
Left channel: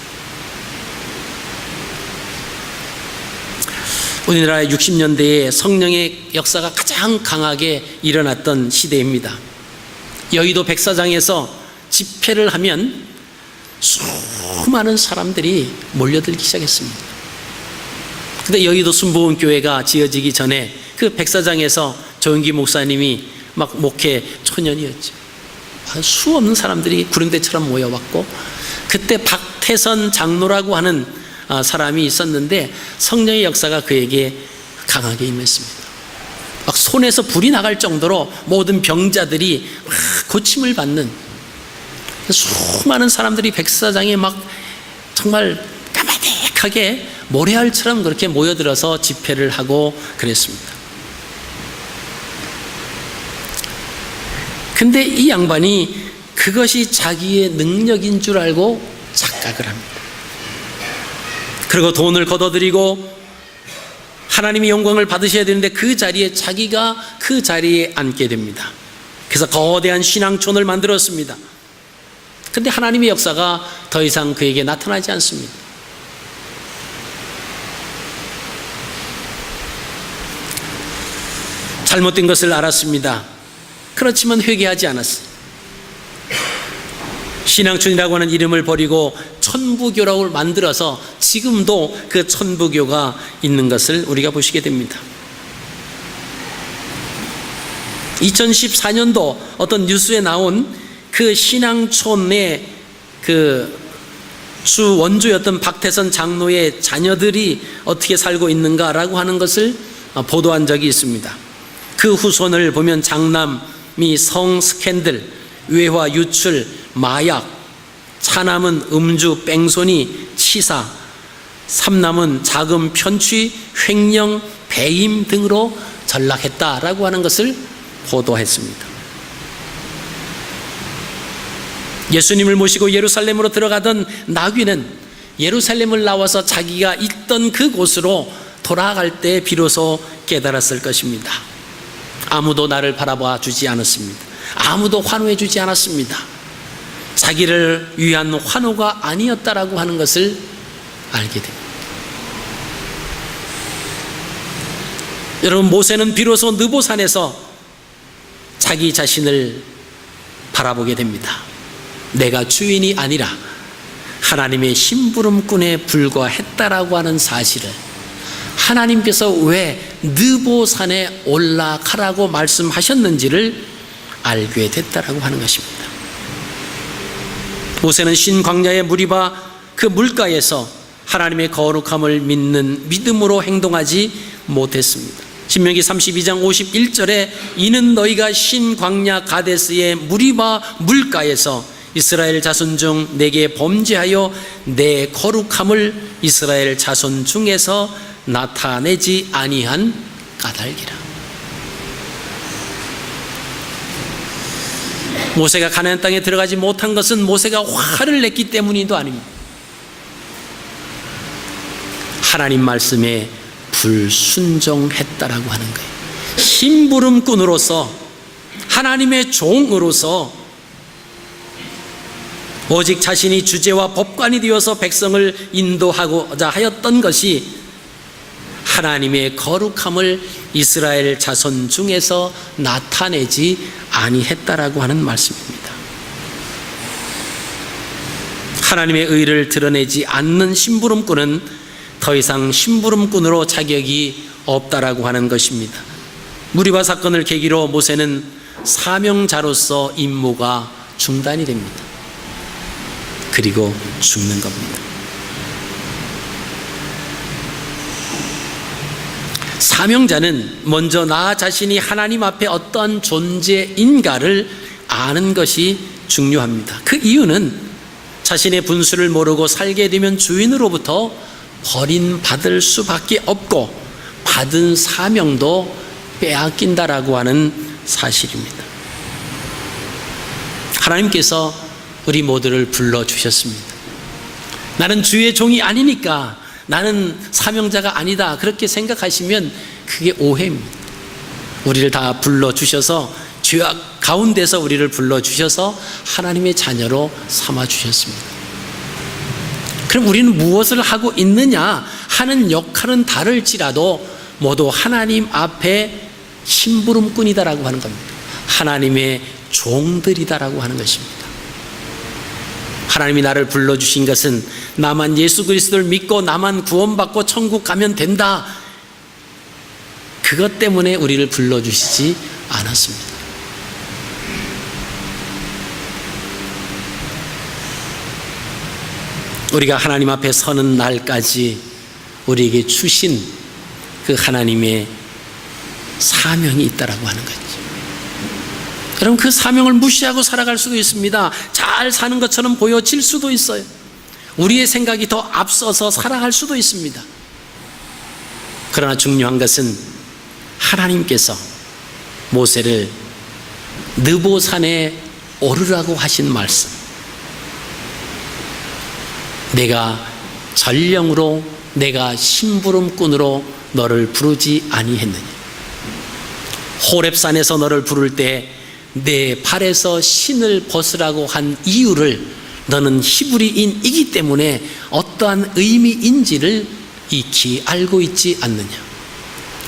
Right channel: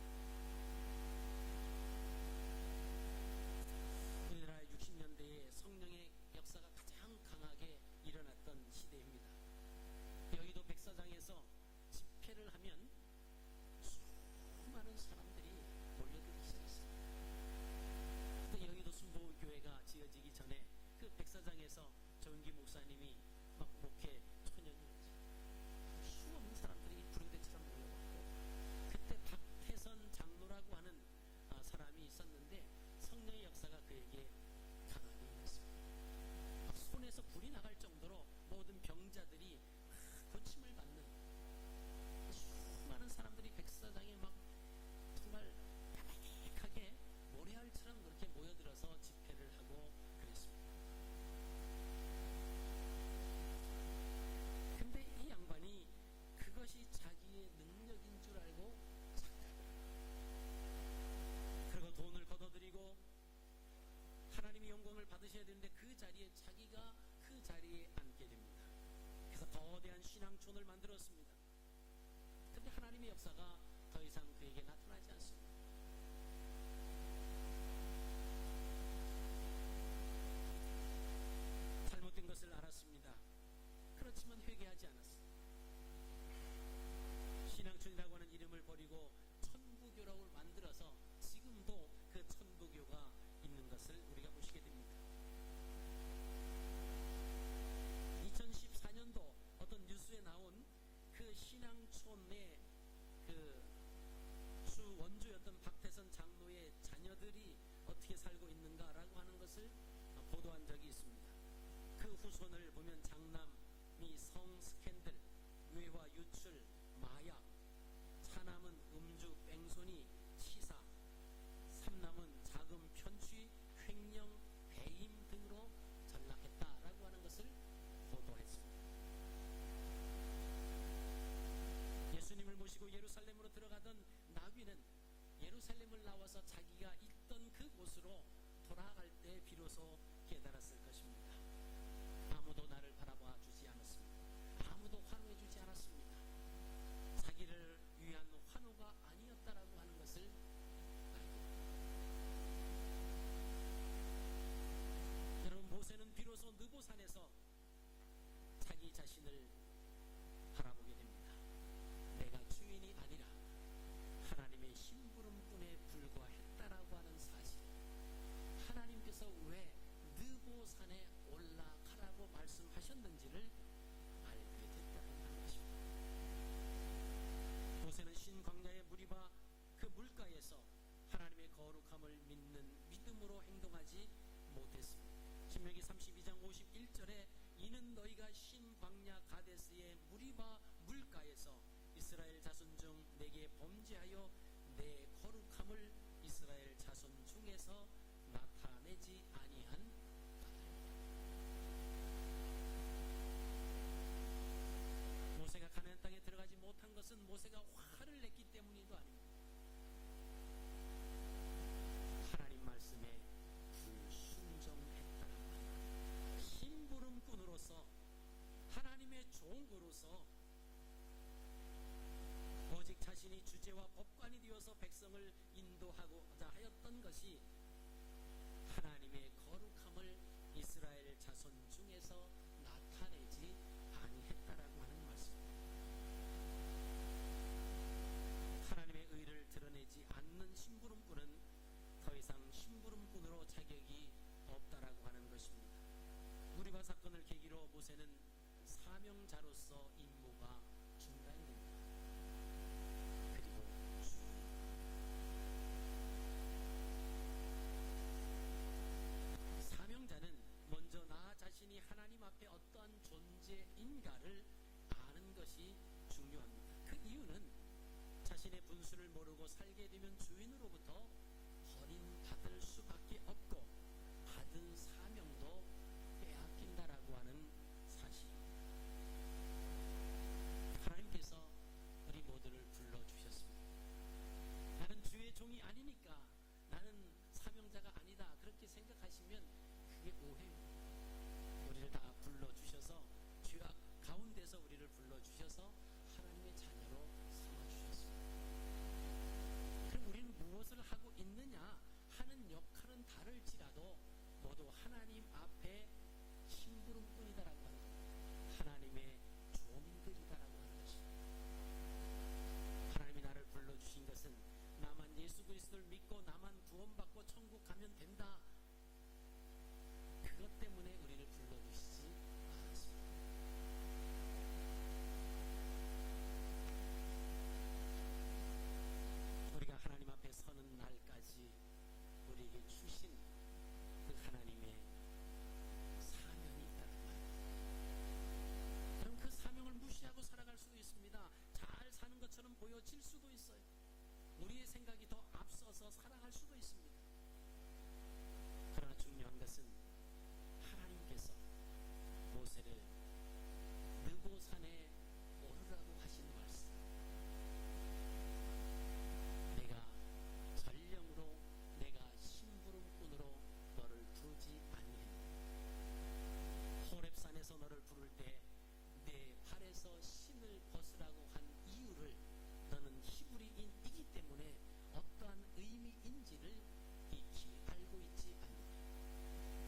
우리나라의 60년대에 성령의 역사가 가장 강하게 일어났던 시대입니다. 여의도 백사장에서 집회를 하면 수많은 사람들이 몰려들기 시작했습니다. 근데 여의도 순복음교회가 지어지기 전에 그 백사장에서 조영기 목사님이 막 목회 초년이었죠. 수없는 사람들이 구름대처럼 모여왔고, 그때 박태선 장로라고 하는 사람이 있었는데 성령의 역사가 그에게 강하게 임했습니다. 막 손에서 불이 나갈 정도로 모든 병자들이 막 고침을 받는, 수많은 사람들이 백사장에 막 정말 까마득하게 모래알처럼 그렇게 모여들어서 집회를 하고 그랬습니다. 근데 이 양반이 그것이 자기의 능력인 줄 알고 착각을 합니다. 그리고 돈을 걷어들이고 하나님의 영광을 받으셔야 되는데 그 자리에 자기가 그 자리에 앉게 됩니다. 그래서 거대한 신앙촌을 만들었습니다. 근데 하나님의 역사가 더 이상 그에게 나타나지 않습니다. 잘못된 것을 알았습니다. 그렇지만 회개하지 않았어요. 신앙촌이라고 하는 이름을 버리고 천부교라고 만들어서 지금도 그 천부교가 있는 것을 우리가 보시게 됩니다. 2014년도 어떤 뉴스에 나온 그 신앙촌의 그 주 원주였던 박태선 장로의 자녀들이 어떻게 살고 있는가라고 하는 것을 보도한 적이 있습니다. 그 후손을 보면 장남이 성 스캔들, 외화 유출, 마약, 차남은 음주, 뺑소니, 치사, 삼남은 자금 편취, 횡령, 배임 등으로 전락했다라고 하는 것을 보도했습니다. 예수님을 모시고 예루살렘으로 들어가던 나귀는 예루살렘을 나와서 자기가 있던 그곳으로 돌아갈 때 비로소 깨달았을 것입니다. 아무도 나를 바라봐 주지 않았습니다. 아무도 환호해 주지 않았습니다. 자기를 위한 환호가 아니었다라고 하는 것을 알게 됩니다. 여러분, 모세는 비로소 느보산에서 자기 자신을 바라보게 됩니다. 내가 주인이 아니라 하나님의 심부름꾼에 불과했다라고 하는 사실을, 하나님께서 왜 느보산에 올라가라고 말씀하셨는지를 알게 됐다라고 하는 것입니다. 모세는 신광야의 무리바 그 물가에서 하나님의 거룩함을 믿는 믿음으로 행동하지 못했습니다. 신명기 32장 51절에 이는 너희가 신광야 가데스의 무리바 물가에서 이스라엘 자손 중 내게 범죄하여 내 거룩함을 이스라엘 자손 중에서 나타내지 아니한 까닭이라. 모세가 가나안 땅에 들어가지 못한 것은 모세가 화를 냈기 때문이도 아닙니다. 하나님 말씀에 불순종했다라고 하는 거예요. 심부름꾼으로서, 하나님의 종으로서 오직 자신이 주제와 법관이 되어서 백성을 인도하고자 하였던 것이 하나님의 거룩함을 이스라엘 자손 중에서 나타내지 아니했다라고 하는 말씀입니다. 하나님의 의를 드러내지 않는 심부름꾼은 더 이상 심부름꾼으로 자격이 없다라고 하는 것입니다. 무리바 사건을 계기로 모세는 사명자로서 임무가 중단이 됩니다. 그리고 죽는 겁니다. 사명자는 먼저 나 자신이 하나님 앞에 어떠한 존재인가를 아는 것이 중요합니다. 그 이유는 자신의 분수를 모르고 살게 되면 주인으로부터 버림받을 수밖에 없고 받은 사명도 빼앗긴다라고 하는 사실입니다. 하나님께서 우리 모두를 불러주셨습니다. 나는 주의 종이 아니니까 나는 사명자가 아니다, 그렇게 생각하시면 그게 오해입니다. 우리를 다 불러주셔서 죄악 가운데서 우리를 불러주셔서 하나님의 자녀로 삼아주셨습니다. 그럼 우리는 무엇을 하고 있느냐 하는 역할은 다를지라도 모두 하나님 앞에 심부름꾼이다라고 하는 겁니다. 하나님의 종들이다라고 하는 것입니다. 하나님이 나를 불러주신 것은 나만 예수 그리스도를 믿고 나만 구원받고 천국 가면 된다, 그것 때문에 우리를 불러주시지 않았습니다. 우리가 하나님 앞에 서는 날까지 우리에게 주신 그 하나님의 사명이 있다라고 하는 거죠. 여러분, 그 사명을 무시하고 살아갈 수도 있습니다. 잘 사는 것처럼 보여질 수도 있어요. 우리의 생각이 더 앞서서 살아갈 수도 있습니다. 그러나 중요한 것은 하나님께서 모세를 느보산에 오르라고 하신 말씀, 내가 전령으로 내가 심부름꾼으로 너를 부르지 아니했느냐. 호렙산에서 너를 부를 때 내 발에서 신을 벗으라고 한 이유를 너는 히브리인이기 때문에 어떠한 의미인지를 익히 알고 있지 않느냐.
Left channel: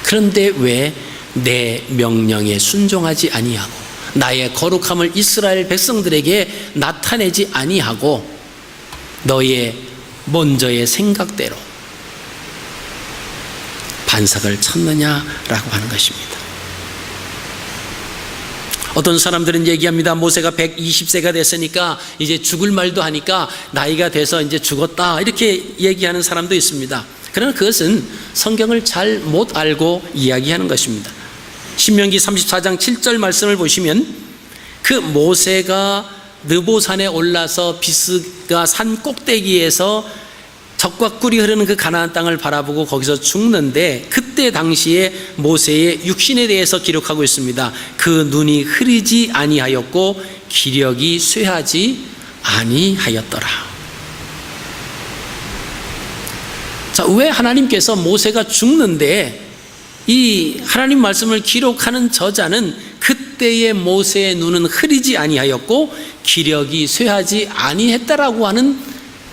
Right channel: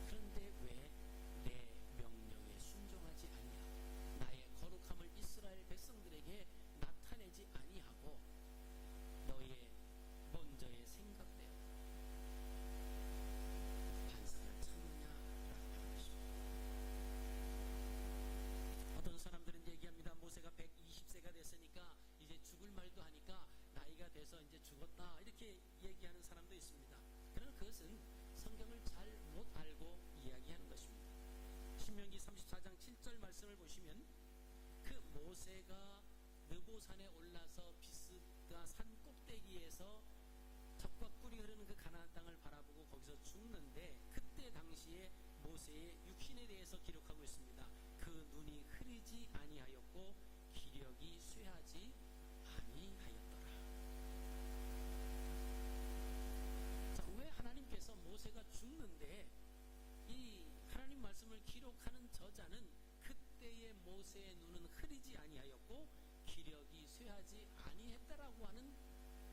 그런데 왜 내 명령에 순종하지 아니하고 나의 거룩함을 이스라엘 백성들에게 나타내지 아니하고 너의 먼저의 생각대로 반석을 쳤느냐라고 하는 것입니다. 어떤 사람들은 얘기합니다. 모세가 120세가 됐으니까 이제 죽을 말도 하니까 나이가 돼서 이제 죽었다, 이렇게 얘기하는 사람도 있습니다. 그러나 그것은 성경을 잘 못 알고 이야기하는 것입니다. 신명기 34장 7절 말씀을 보시면 그 모세가 느보산에 올라서 비스가 산 꼭대기에서 적과 꿀이 흐르는 그 가나안 땅을 바라보고 거기서 죽는데, 그때 당시에 모세의 육신에 대해서 기록하고 있습니다. 그 눈이 흐리지 아니하였고 기력이 쇠하지 아니하였더라. 자, 왜 하나님께서 모세가 죽는데 이 하나님 말씀을 기록하는 저자는 그때의 모세의 눈은 흐리지 아니하였고 기력이 쇠하지 아니했다라고 하는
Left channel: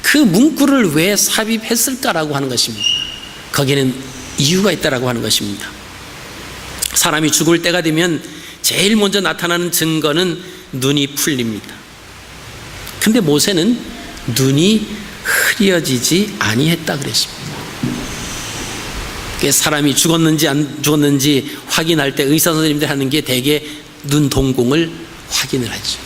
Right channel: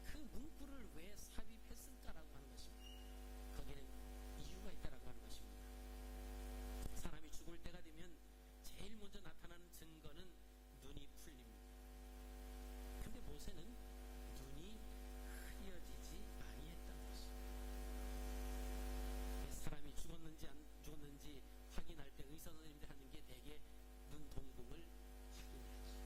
그 문구를 왜 삽입했을까라고 하는 것입니다. 거기는 이유가 있다라고 하는 것입니다. 사람이 죽을 때가 되면 제일 먼저 나타나는 증거는 눈이 풀립니다. 근데 모세는 눈이 흐려지지 아니했다 그랬습니다. 사람이 죽었는지 안 죽었는지 확인할 때 의사 선생님들 하는 게 대개 눈 동공을 확인을 하죠.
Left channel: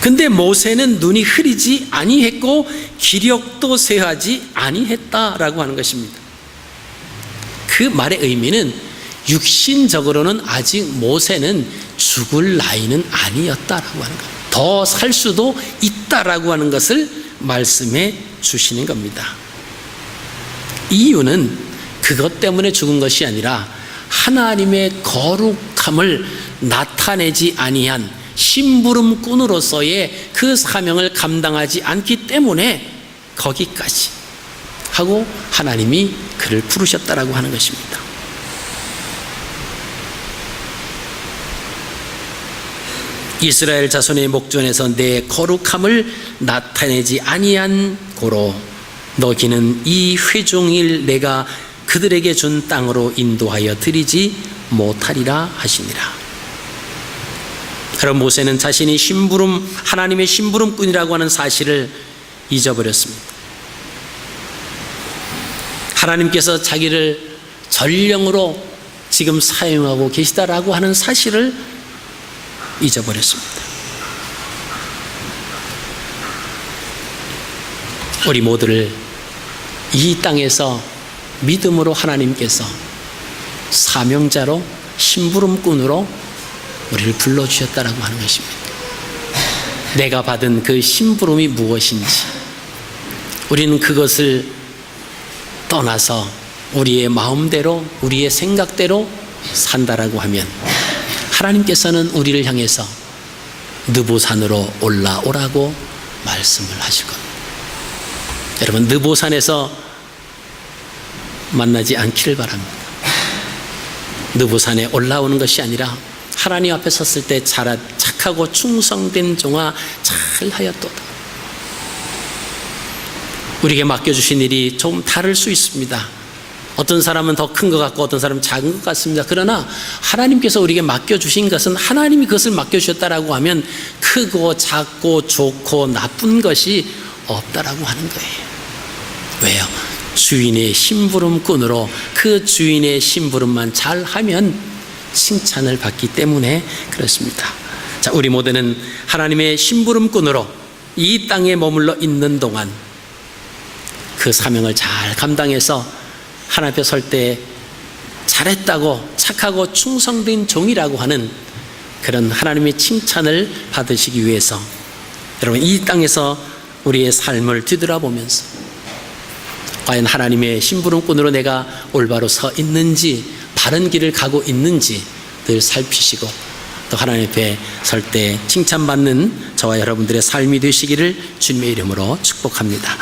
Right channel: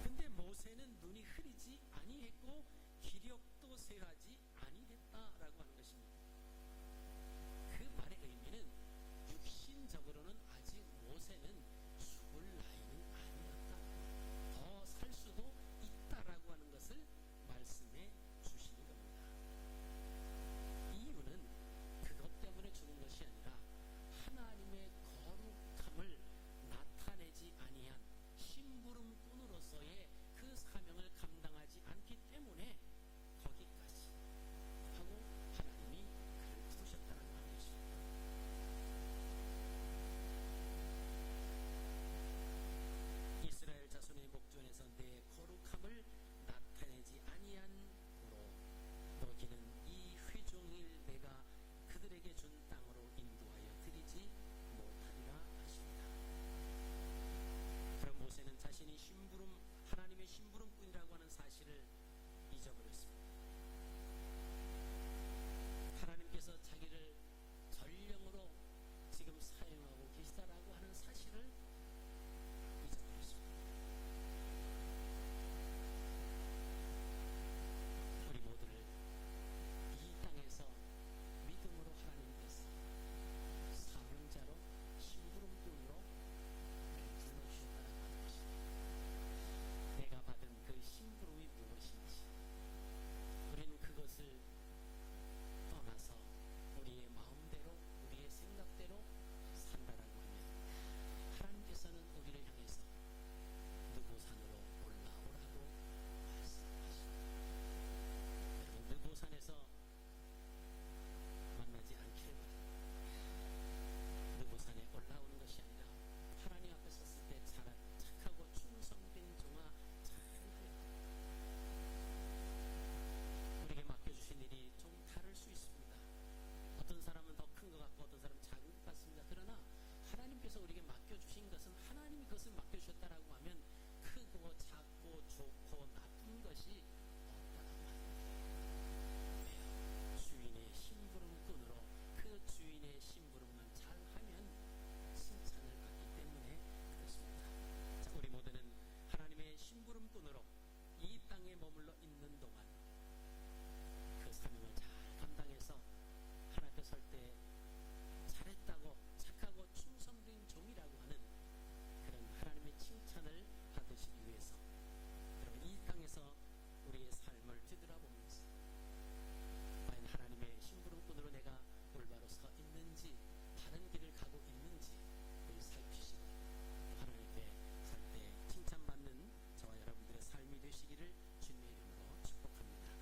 근데 모세는 눈이 흐리지 아니했고 기력도 쇠하지 아니했다라고 하는 것입니다. 그 말의 의미는 육신적으로는 아직 모세는 죽을 나이는 아니었다라고 하는 거예요. 더 살 수도 있다라고 하는 것을 말씀해 주시는 겁니다. 이유는 그것 때문에 죽은 것이 아니라 하나님의 거룩함을 나타내지 아니한 심부름꾼으로서의 그 사명을 감당하지 않기 때문에 거기까지 하고 하나님이 그를 부르셨다라고 하는 것입니다. 이스라엘 자손의 목전에서 내 거룩함을 나타내지 아니한 고로 너희는 이 회중일 내가 그들에게 준 땅으로 인도하여 드리지 못하리라 하시니라. 그럼 모세는 자신이 하나님의 심부름꾼이라고 하는 사실을 잊어버렸습니다. 하나님께서 자기를 전령으로 지금 사용하고 계시다라고 하는 사실을 잊어버렸습니다. 우리 모두를 이 땅에서 믿음으로 하나님께서 사명자로 심부름꾼으로 우리를 불러주셨다라고 하는 것입니다. 내가 받은 그 심부름이 무엇인지 우리는 그것을 떠나서 우리의 마음대로 우리의 생각대로 산다라고 하면 하나님께서는 우리를 향해서 느보산으로 올라오라고 말씀을 하실 겁니다. 여러분, 느보산에서 만나지 않기를 바랍니다. 느보산에 올라오는 것이 아니라 하나님 앞에 섰을 때 착하고 충성된 종아 잘하였도다. 우리에게 맡겨주신 일이 좀 다를 수 있습니다. 어떤 사람은 더 큰 것 같고 어떤 사람은 작은 것 같습니다. 그러나 하나님께서 우리에게 맡겨주신 것은 하나님이 그것을 맡겨주셨다라고 하면 크고 작고 좋고 나쁜 것이 없다라고 하는 거예요. 왜요? 주인의 심부름꾼으로 그 주인의 심부름만 잘하면 칭찬을 받기 때문에 그렇습니다. 자, 우리 모두는 하나님의 심부름꾼으로 이 땅에 머물러 있는 동안 그 사명을 잘 감당해서 하나님 앞에 설 때 잘했다고 착하고 충성된 종이라고 하는 그런 하나님의 칭찬을 받으시기 위해서 여러분, 이 땅에서 우리의 삶을 뒤돌아보면서 과연 하나님의 심부름꾼으로 내가 올바로 서 있는지 바른 길을 가고 있는지 늘 살피시고 또 하나님 앞에 설 때 칭찬받는 저와 여러분들의 삶이 되시기를 주님의 이름으로 축복합니다.